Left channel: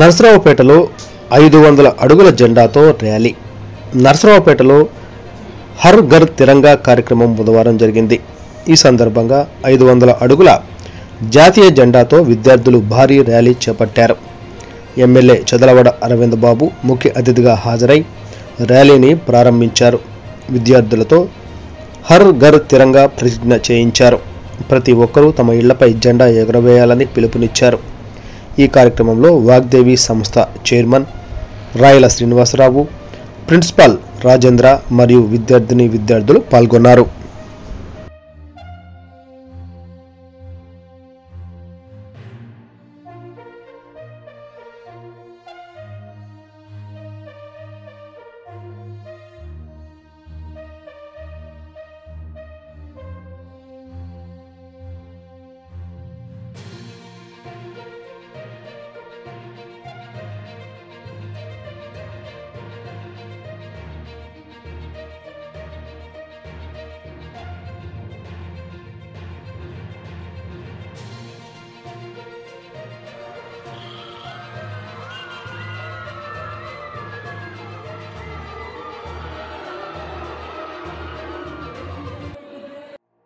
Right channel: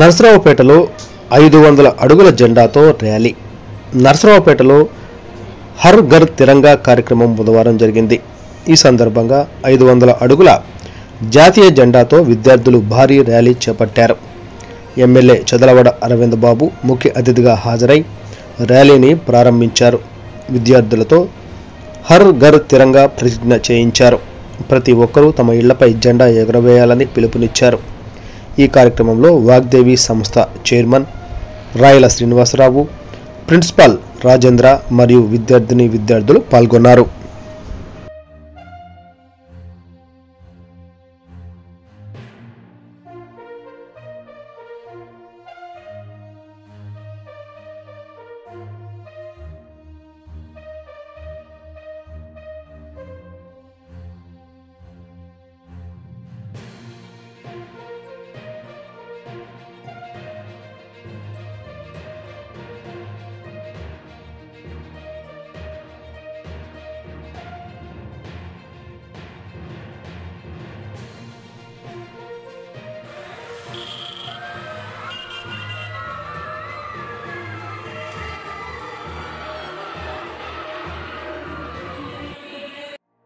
నర్సరావుపేటలో 500 అడుగుల జెండాతో ర్యాలీ. నర్సరావుపేటలో హర్ ఘర్ తిరంగా కార్యక్రమం బుధవారం జరిగింది. ఈ సందర్భంగా 500 అడుగుల జాతీయ జెండాతో విద్యార్థులు భారీ ర్యాలీ చేపట్టారు. ఎమ్మెల్యే చదలవాడ అరవింద్ బాబు ముఖ్య అతిథిగా హాజరై ర్యాలీని ప్రారంభించారు. విద్యార్థులతో హర్ ఘర్ తిరంగా ప్రతిజ్ఞ చేయించారు. ప్రతి ఒక్కరూ తమ ఇళ్లపై జెండా ఎగురవేయాలని పిలుపునిచ్చారు. ఈ కార్యక్రమంలో వాగ్దేవి సంస్థ చైర్మన్ రాయల శ్రీనివాసరావు, ప్రిన్సిపాల్ రాజేంద్ర మరియు విద్యార్థిని విద్యార్థులు పాల్గొన్నారు.